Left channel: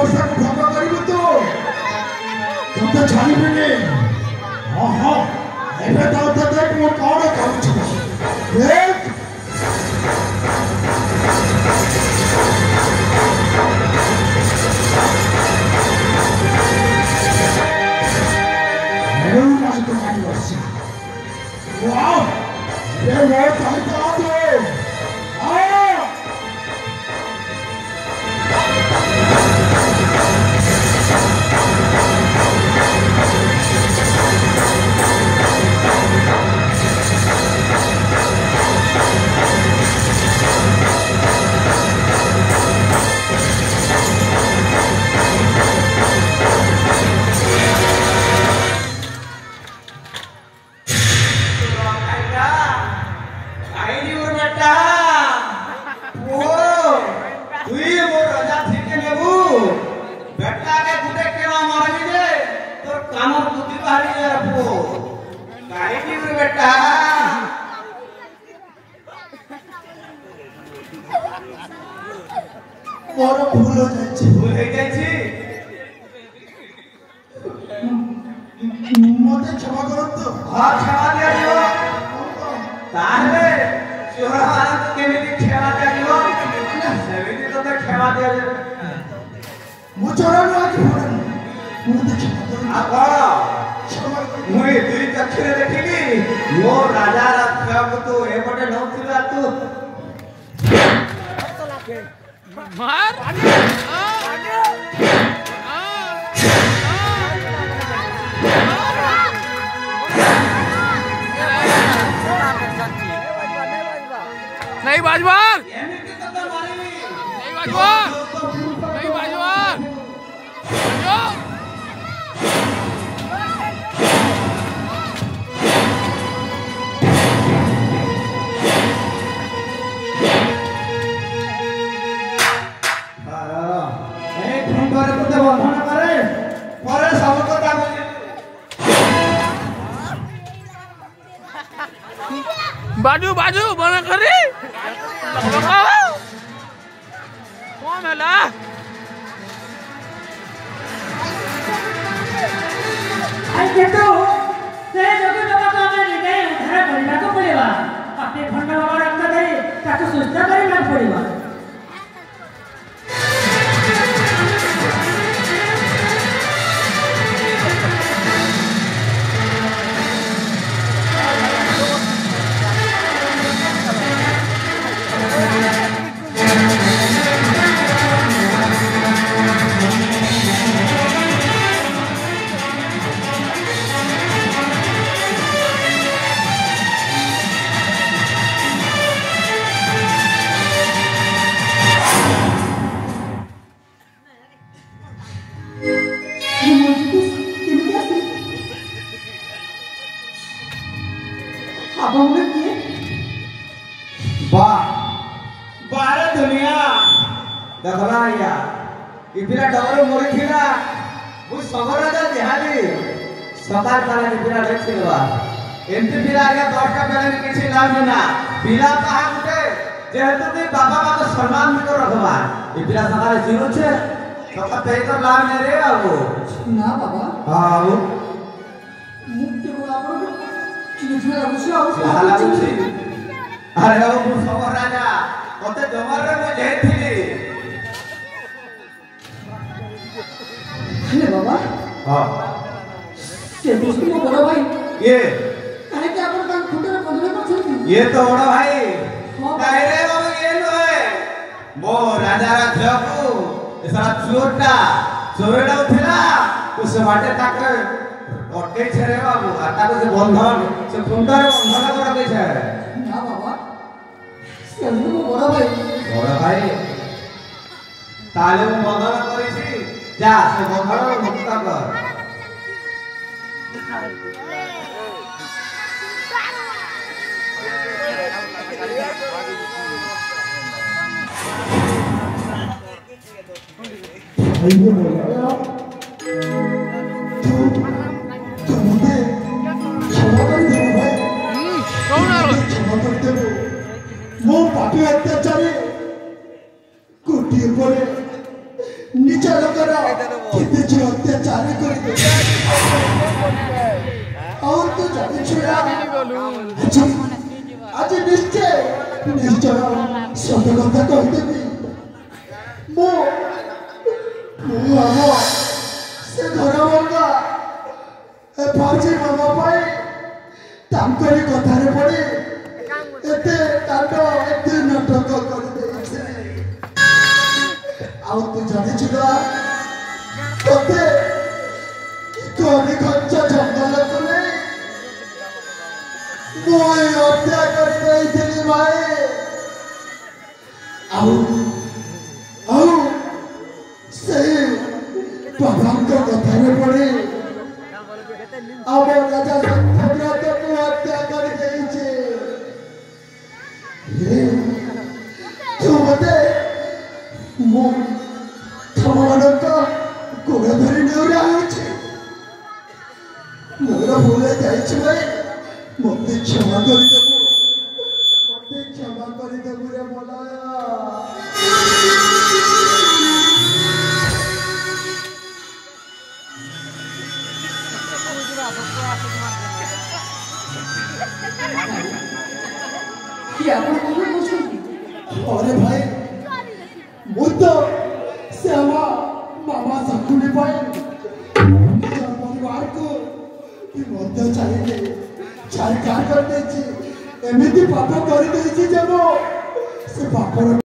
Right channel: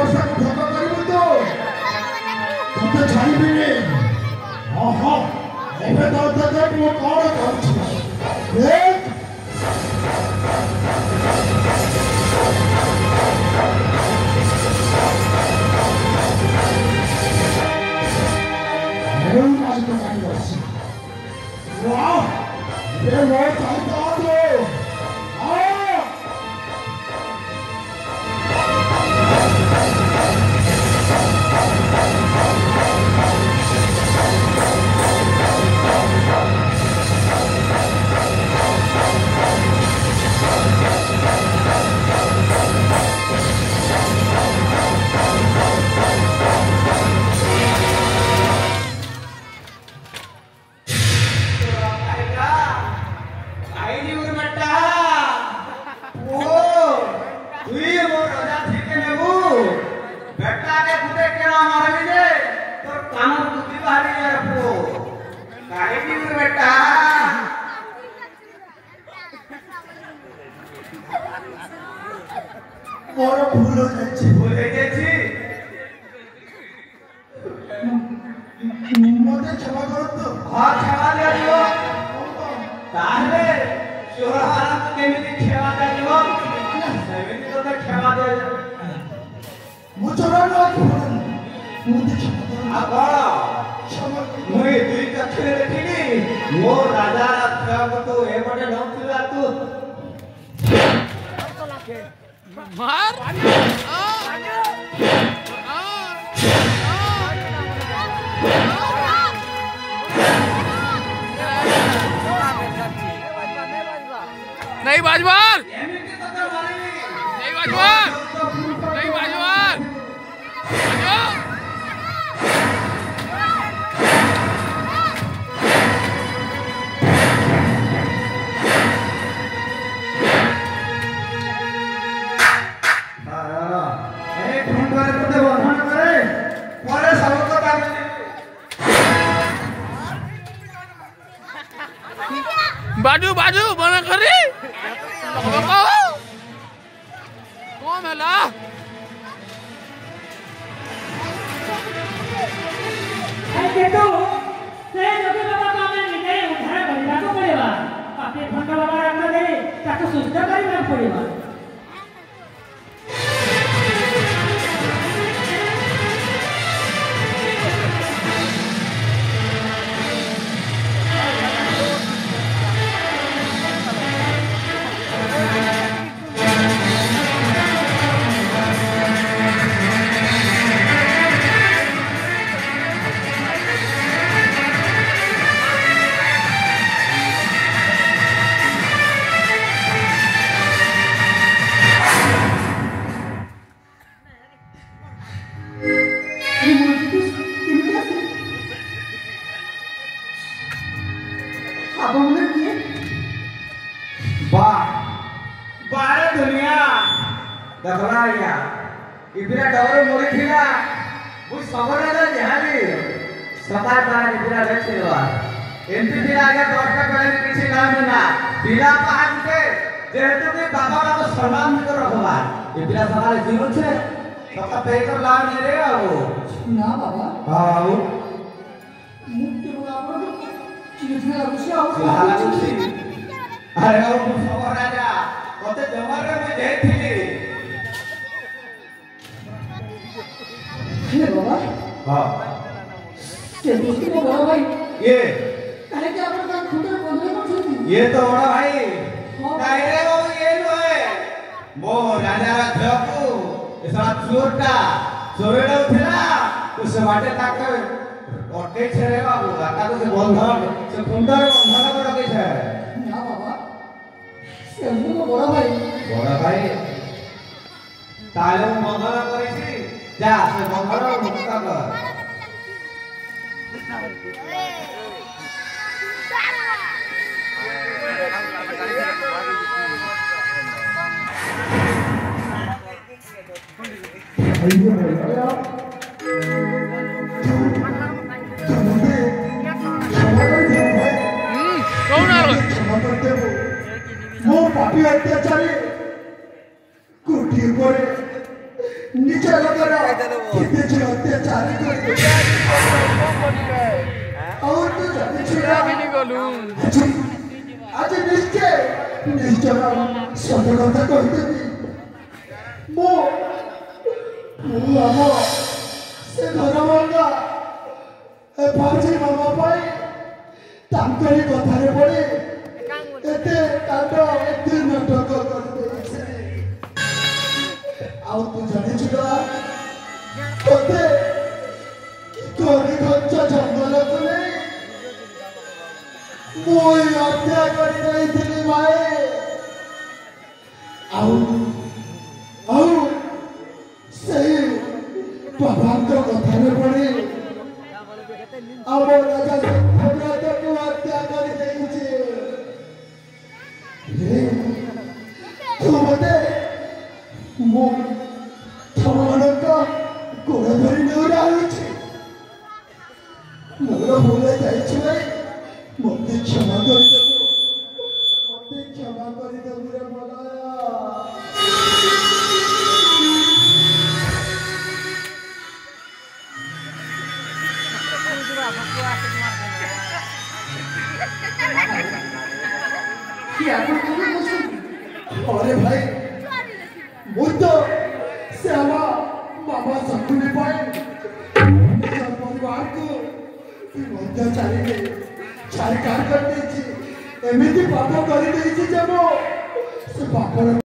वर्षा भोग करू तो तो छाड़बे ओहो एबे तो देख मो कौन कहू देख वाओ ये बहुत ताकत है मोर भूल हो जाए मोटे क्षमा करो तो हां क्षमा दे दियो ताहले शिवराम केमिति क्षमा दे दियो सेमिति तो क्षमा दे मुचरण लागी होन मोटे क्षमा करो आगा क्षमा मुई दुई चक्षुरे देखिली मो राजा रात तो एपटे नथिला तू मार नहीं बाजवार नहीं बाजवार नहीं बाजवार बाजू बाजू बना करी कौन है ला तो से लोग तो हमें निर्णय उधार करना को पड़ेगा अपने फंड वाला रखते थे ताकि सुविधा करना पड़ेगा देखला इपिरा डर मोरी थिला मु सबराजा देहाली सदा तारा इपिरा देखिलवा एमपी पिला के दर्शक करे किछि लाभ ना पिला कहा गुटे जेहेतु कि बाबा का सम्मान को रखबा इपिरा सदा जीव छे तो ते तो लाभ नै रे आबो ना बाबा हां मुक्ति बाबा चिन्ह अवश्य अरे बाबू सबराजा ओते जमरे में जेथिली हे बाबा हां के दोस्ती को बड़ा भाई ये काहे के अपन का खुदर बंधले को छथि ये तो बड़ा भाई काहे रे बाबू ये तो है मो राजा राखू एसा चोरटा चोरेडा उठला उस बाटे ताक ओटे छरे बाबू आता से बंधन से खुंडर बंधन को रखे छे ना बाबा से को बड़ा भाई ताले बंधन करिछि जा से बंधन मुक्त कर मो पापी अत्याचारी कोटी पर निज लोकर कितने जो अत्याचार कर और तो जाने छुड़ा आज निश्चय सत्य कथा कहदेवी मो से घर वर्गा फौजी मामा पाई तांकरी कथारे पड़े एते कांड एते नाटक कर देछे आउ तू जाने छुड़ा तोते कोने खंचा जंगल को मोई हत्या कर देइथिली माए आउ से बाबांका कथारे पड़े आउ राजा सत्यव्रत को हत्या कर देइछे हे तू मते मो थमनका गोड़ धरी नेउरा होइछे मोर भूले जाइछ भाई मते क्षमा कर देबो रे मलाया अरे भाई मुद्दो से मामा शकुनी भाई परिवार को अत्याचारी के छाड़खाड़ कर देछि एमिति पाप कर देछि जे से बापर